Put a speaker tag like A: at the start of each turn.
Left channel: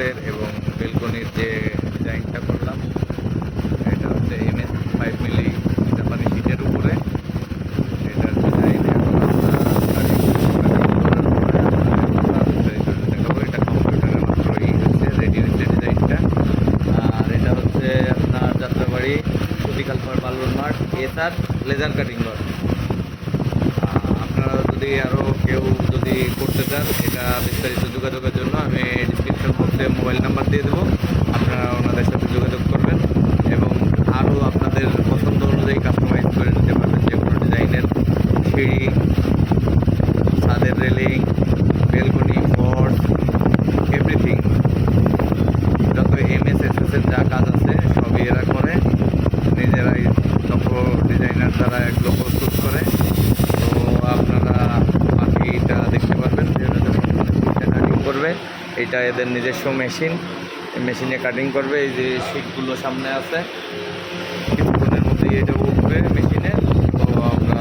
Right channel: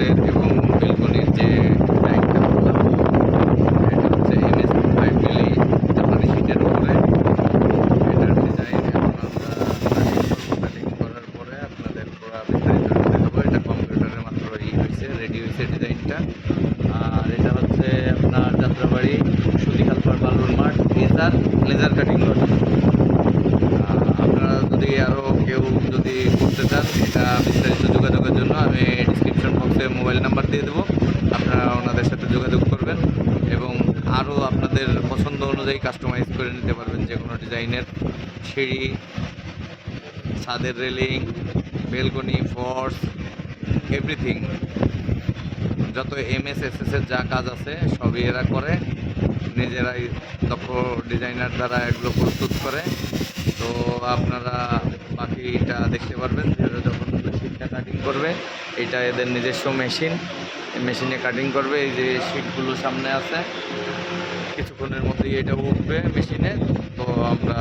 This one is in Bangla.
A: হাউসের এবং বেলকনির যে ট্যাঙ্কটা বললাম, এটা হচ্ছে এম এস ফাইভ মিলি জাপানি শীতের উপরে। এটার ডিজাইন এখন আমরা করার পরে আপনাদের পুরা বিস্তারিত দেখাবো, এটা কম্পিউটারে এই হয়েছে রেডি হয়েছে ডিজাইনটা আর এটা হচ্ছে আপনার যাত্রাবাড়ি সুতিকালপার বালুর মাঠ এসআর লেজার কাটিং লট যদি আরও কেউ যদি করতে চান, এটা বিস্তারিত যোগাযোগের জন্য আমি ডিসক্রিপশন বক্সে মোবাইল নাম্বার দিয়ে দেবো। আপনারা ওনাদের সাথে যোগাযোগ করবেন এবং আরও আপনাদের পছন্দ অনুযায়ী কাস্টমাইজ করে নিতে পারবেন যে কোনো ডিজাইনের সিঁড়ি, ছাদের রেলিং বেলকনি ফর্স এভরিথিং যত এম এস এস এস এর যা কাজ আছে, সবই এরা করে। নিজেরাই দক্ষ ডিজাইনার দ্বারা এগুলো প্রস্তুত করে। তো আপনারা বাকিটা দেখতে পারবেন, যেটা যখন শীটটা কাটিং করবে, এটা এদের নিজস্ব মেশিন মেশিনে কাটিং করবে, এই যে শীটগুলো সামনে আছে, কিছুক্ষণের মধ্যেই এটা উঠবে মেশিনে তো আমরা